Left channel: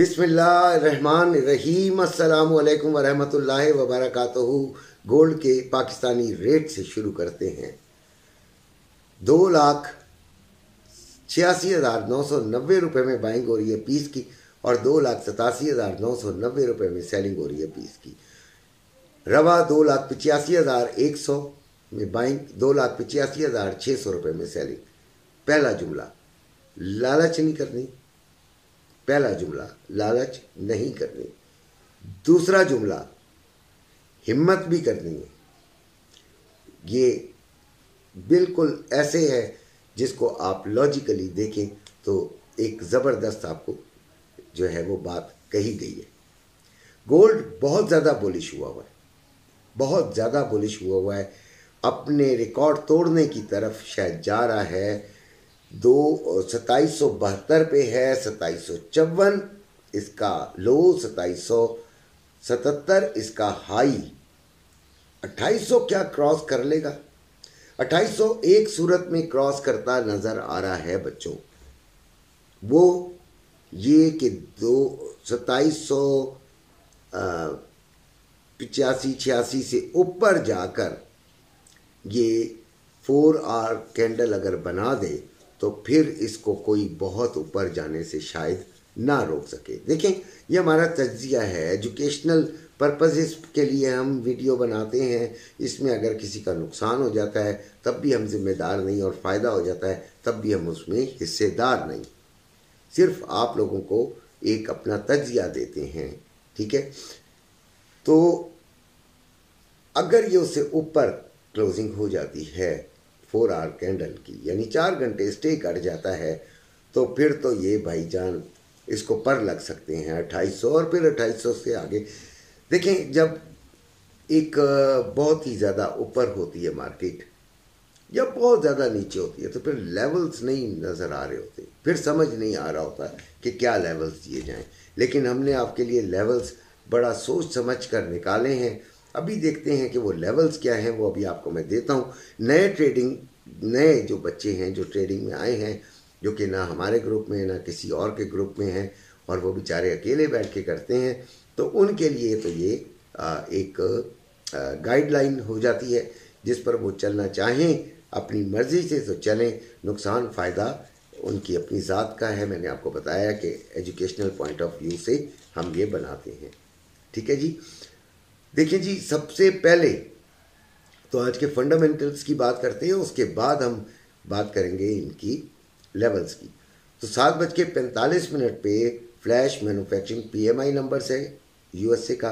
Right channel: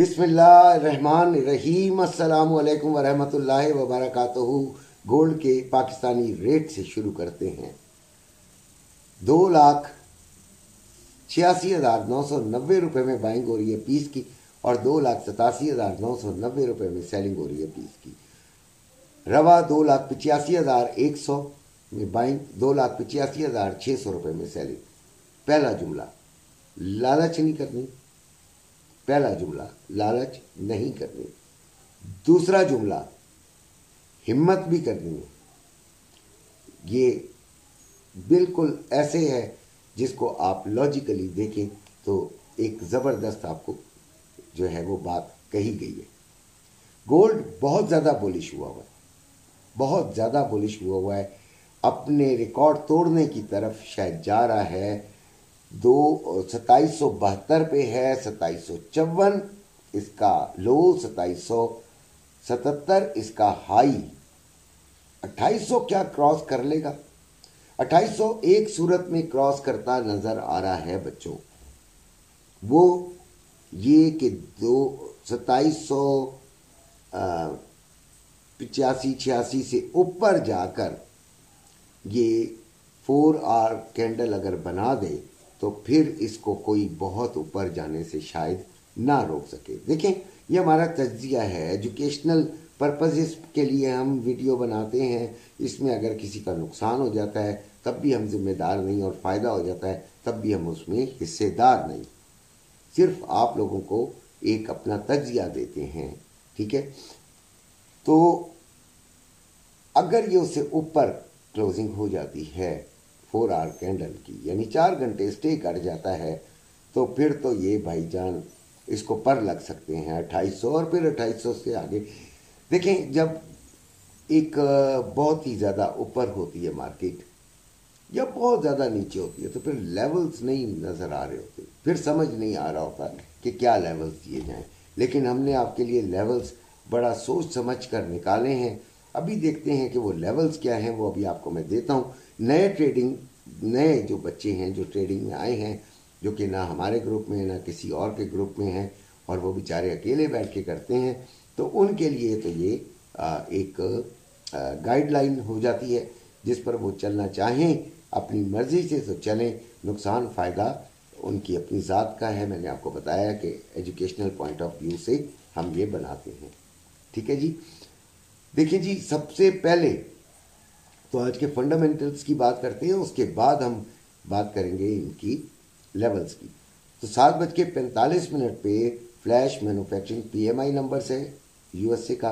बिस्मिल्लाहिर्रहमानिर्रहीम। अस्सलामु अलैकुम वरहमतुल्लाहि वबरकातुहू। गोल्ड के पाकिस्तानी रेट से शुरू करते हैं। 2,86,990 रुपये में बाइंग हो रही है पीस की और 2,87,990 रुपये में सेलिंग हो रही है पीस की। रवा 2,85,100 में बाइंग, 2,85,600 रुपये में सेलिंग। पहला जुमला, लालच नहीं करनी। पहला जुमला, लालच नहीं करनी। दूसरा जुमला, हिम्मत भी करनी है। ये बिल्कुल ऐसे है जिसको आप लॉजिकली देखें तो एक जबरदस्त आपको जो है वो बात कही गई है। गोल्ड बहुत ज्यादा बुलिश हुआ हुआ है, बहुत ज्यादा बुलिश हुआ है, अपने रिकॉर्ड तोड़ने की तरफ शायद जा रहा है। 2772 पे है, 2754 इसका लो, 2777 इसका हाई। 2800 क्या क्रॉस कर लेगा? 2800 एक सूरत में क्रॉस करता नजर आ रहा है बच्चों, वो ये कि 2785-86 से ऊपर जाकर ये 4 आवर कैंडल अगर बना दे तो फिर इसको कोई बहुत ऊपर जाने से शायद ना रोक सके। देखें, ये हमारा तज्जिया है, एजुकेशनल पर्पसेस के लिए हम वीडियो बनाते हैं। इसमें अगर किसी का नुकसान हो जाता है तब भी हम जिम्मेदार नहीं, और फ़ायदा हो जाता है तब भी हम उसमें हिस्सेदार नहीं। सिर्फ आप लोगों को एक अपना तज्जिया देते हैं, ठीक है। तो अगर ये उससे ऊपर क्लोजिंग हो जाती है 4 आवर कैंडल की, यानी 4 घंटे स्टे कर जाता है, तो फिर तो ये भाईजान इसको पर लग सकते हैं 2800 और फिर 2800 से आगे। देखें, जब एक बहुत ही ज़्यादा ऊपर होती है मार्केट या बहुत ज़्यादा नीचे होती है तो फिर लेवल्स नहीं नज़र आ रहे होते, फिर समझ नहीं आ रहा होता कि क्या लेवल्स दिए जाएं। लेकिन हमने आपके लिए लेवल्स बड़ा सोच समझ कर निकाले हैं। अभी देखते हैं कि वो लेवल्स क्या हैं, वो अभी आपको मैं देता हूँ। नए जो बच्चे हैं जो ट्रेडिंग में आए हैं, जो कि ना हमारे ग्रुप में ना किसी और के ग्रुप में हैं, और वो बेचारे अकेले बैठ के करते हैं, तो उनके लिए तो ये एक गाइडलाइन हो जाती है जिस पर वो चलना चाहें अपनी मर्जी से तो चलें। नुकसान फ़ायदा उनकी अपनी ज़ात का है। मैंने आपको बताया कि एजुकेशनल पॉइंट ऑफ व्यू से हम ये बनाते हैं, ठीक है जी। देखिए जी, सबसे पहले तो आज के फंडामेंटल्स की बात करते हैं, उसके बाद हम बात करेंगे इनकी लेवल्स की। तो 7:45 पे फ्लैश मैन्युफैक्चरिंग पीएमआई नंबर से यूएसए का,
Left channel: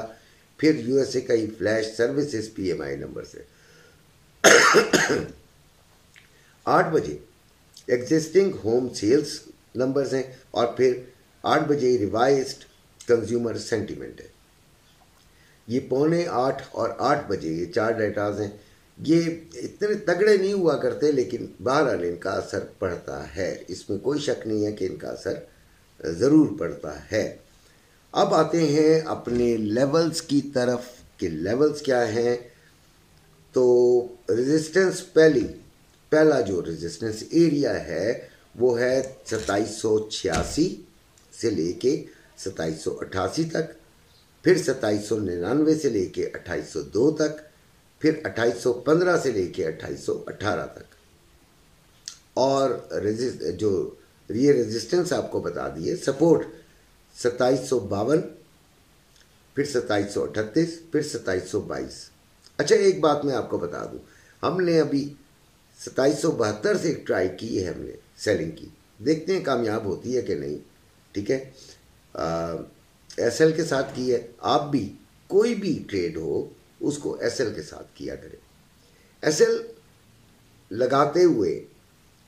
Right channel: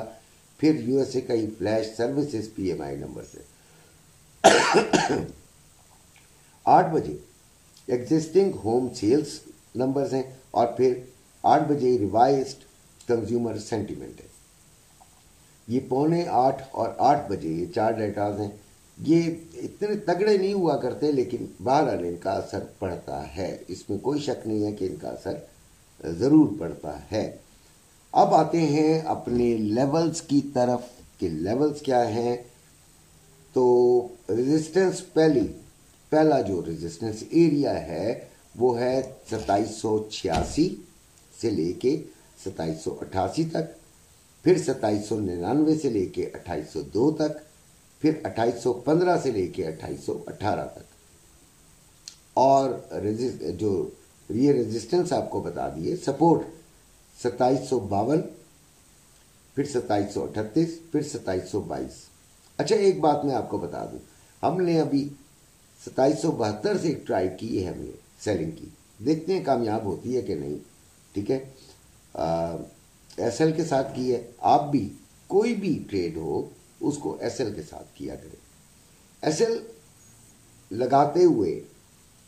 फिर यूएसए का ही फ्लैश सर्विसेज पीएमआई नंबर से। 8 बजे एग्जिस्टिंग होम सेल्स नंबर्स हैं, और फिर 8 बजे रिवाइज्ड कंज्यूमर सेंटीमेंट है। ये 7:45 और 8 बजे ये 4 डेटाज हैं। ये इतने तगड़े नहीं हुआ करते, लेकिन बहरहाल इनका असर पड़ता है, इसमें कोई शक नहीं है कि इनका असर ज़रूर पड़ता है। अब आते हैं अपने लेवल्स की तरफ कि लेवल्स क्या हैं। तो रेजिस्टेंस, पहला जो रेजिस्टेंस एरिया है वो है 2786 से लेके 2788 तक, फिर 2799 से लेके 2802 तक, फिर 2815 से लेके 2818 तक। और जो ये रेजिस्टेंस आपको बता दिए, सपोर्ट 2752, फिर 2738, फिर 2722। अच्छा, एक बात मैं आपको बता दूं, हमने अभी 2772 से ट्राई की है हमने सेलिंग की, देखते हैं कामयाब होती है कि नहीं, ठीक है। एसएल के साथ की है। आप भी कोई भी ट्रेड हो उसको एसएल के साथ किया करें। एसएल लगाते हुए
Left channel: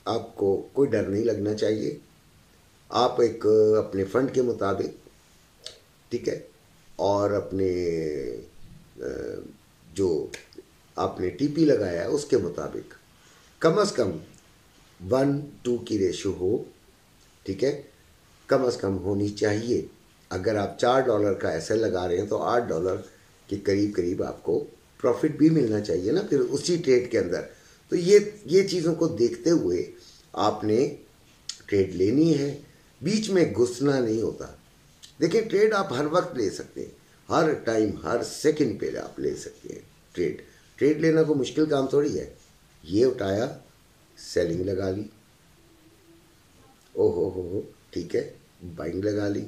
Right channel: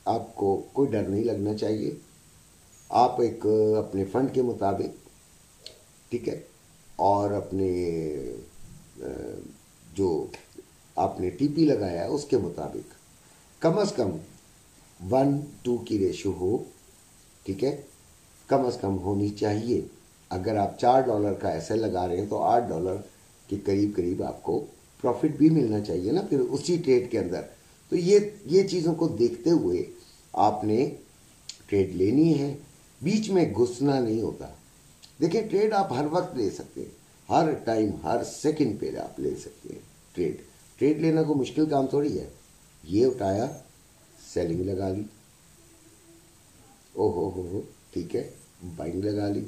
आपको कोई डर नहीं लगना चाहिए। आप एक अपने फंड के मुताबिक, ठीक है, और अपने जो आपने टीपी लगाया है उसके मुताबिक कम से कम 1:2 की रेशो हो, ठीक है, कम से कम होनी चाहिए। अगर आप $4 का एसएल लगा रहे हैं तो $8 के करीब करीब आपको प्रॉफिट भी मिलना चाहिए ना फिर उसी ट्रेड के अंदर। तो ये चीज़ों को देखते हुए आपने ट्रेड लेनी है, बीच में घुसना नहीं होता। देखिए ट्रेड आप हर वक्त ले सकते हैं, हर टाइम हर सेकंड पे आप ले सकते हैं ट्रेड। ट्रेड लेना कोई मुश्किल काम थोड़ी है। ये उठाया, सेलिंग लगा ली, हो ठीक है, बाइंग लगा ली।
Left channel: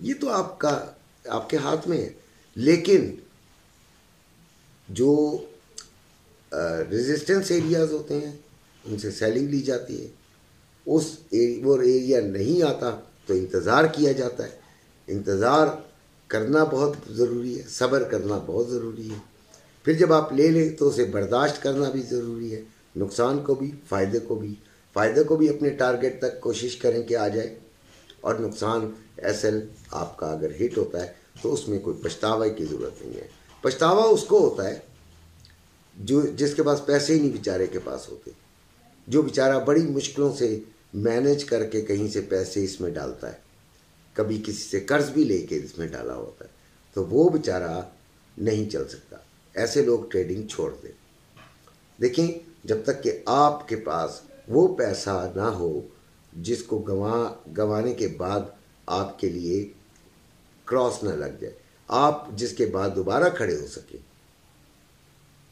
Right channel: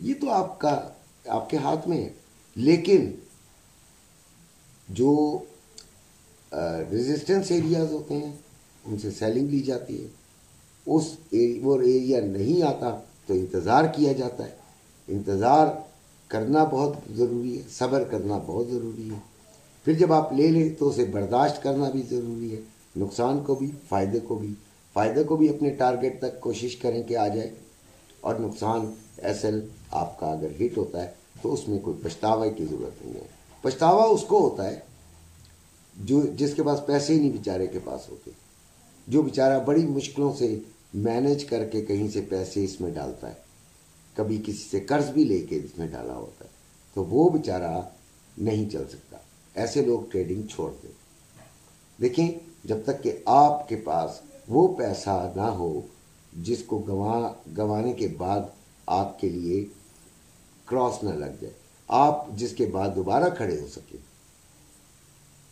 ये तो आपके हाथ में है। लेकिन जो रेजिस्टेंस एरियाज होते हैं उनसे सेलिंग ली जाती है। वो एरिया नहीं आता तो इंतज़ार किया जाता है। इंतज़ार करना बहुत ज़रूरी है, सब्र करना बहुत ज़रूरी है। फिर जब आप ले लें तो उसे बर्दाश्त करना भी ज़रूरी है, नुकसान को भी फ़ायदे को भी। फ़ायदे को भी अपने टारगेट तक कोशिश करें कि आ जाए, और नुकसान एसएल आपका अगर हिट होता है तो उसमें कोई पछतावे की ज़रूरत नहीं है। पछतावा उसको होता है जिसके पास पैसे ही नहीं बेचारे के पास होते, जो बेचारा बड़ी मुश्किलों से मैनेज करके कहीं से पैसे इसमें डालता है, कभी किसी से कर्ज भी लेके इसमें डाला होता है, तो वो बेचारा नहीं चल सकता। ऐसे लोग ट्रेडिंग छोड़ दें। देखें, जब तक कि आपके पास वो पैसा ना हो जिसको गंवाने के बाद आपके लिए क्रॉस ना लग जाए, आप जिसके बाद दोबारा खड़े हो सके,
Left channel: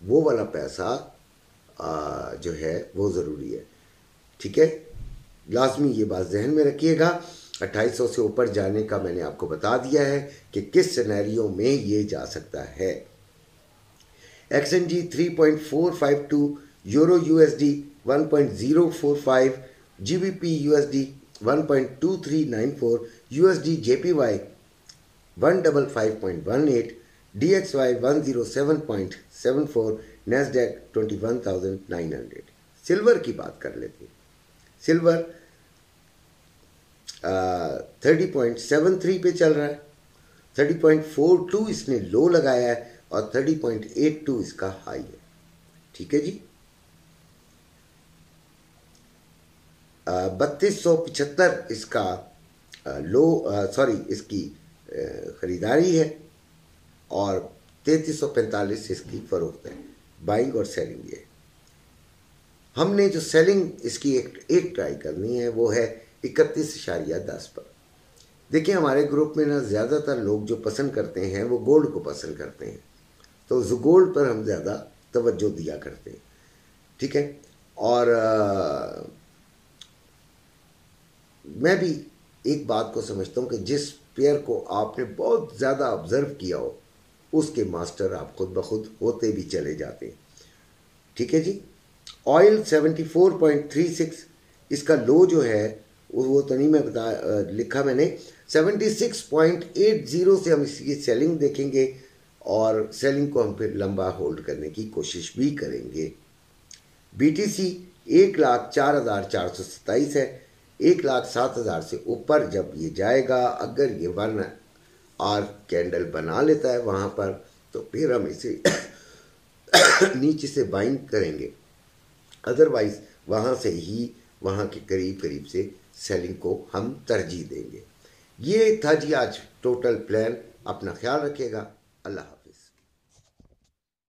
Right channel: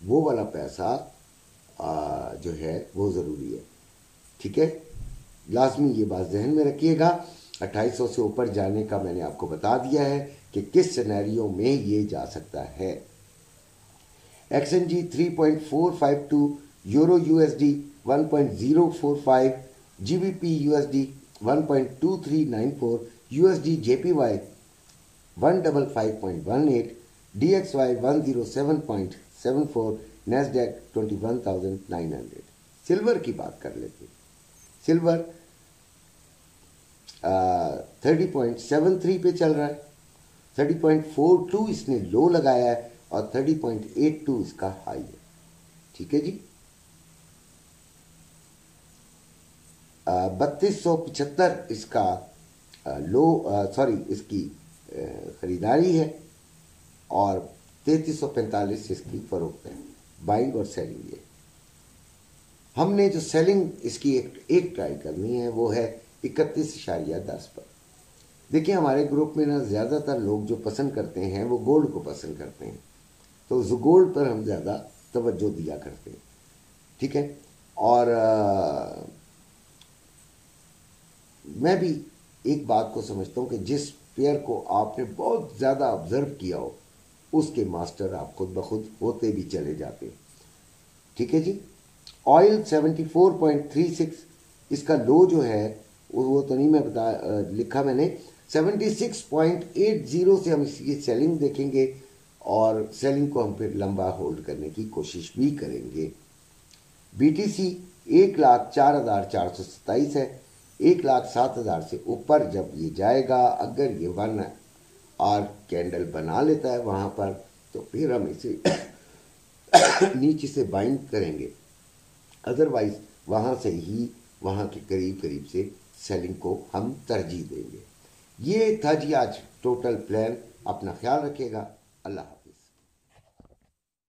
वो वाला पैसा जो है वो ज़रूरी है। ठीक है, लाजमी ये बात जहन में रखिएगा। 2800 से ऊपर जाने का मैंने आपको बता दिया है कि किस सिनेरियो में ये जा सकता है। XNG 3.452, euro USD 1.045, GBP USD 1.2394, USD JPY 155.18, DXY 107.74, NASDAQ 21,900। Silver की बात कर लेते हैं। सिल्वर 30.73 पे चल रहा है, 30.42 इसने लो लगाया है और 30.82 इसका हाई है। ठीक है जी, 3275 इसका इसकी खरीदारी है और 3345 इसकी फरोख्त है। बाइंग और सेलिंग ये हमने जो सेलिंग इसकी एक ट्राई करनी है वो है 31.10 पर। देखिए, हमारे ग्रुप में ना ज़्यादातर लोग जो पसंद करते हैं वो गोल्ड को पसंद करते हैं, तो गोल्ड पर हम ज़्यादा तवज्जो दिया करते हैं। ठीक है, और मैं भी एक बात को समझता हूँ कि जिस पेयर को आपने बहुत ज़्यादा ऑब्जर्व किया हो उसके मास्टर आप खुद ब खुद होते भी चले जाते हैं। ठीक है जी, ऑयल 74.36 इसका लो जो है वो तो नहीं मैं लिखा मैंने, 76.80 से हम इसकी सेलिंग देखेंगे और सेलिंग को हम फिर लंबा होल्ड करने की कोशिश भी करेंगे। BTC 1,04,427 है। 1,07,000 से ऊपर जब ये जाएगा, अगर ये 1 आवर कैंडल बना लेता है वहां पर, तो फिर हम इसे नीचे से बाइंग करेंगे। अदरवाइज वहां से ही वहां के करीब करीब से सेलिंग को हम तरजीह देंगे। ये था जी आज टोटल प्लान। अपना ख्याल रखिएगा। अल्लाह।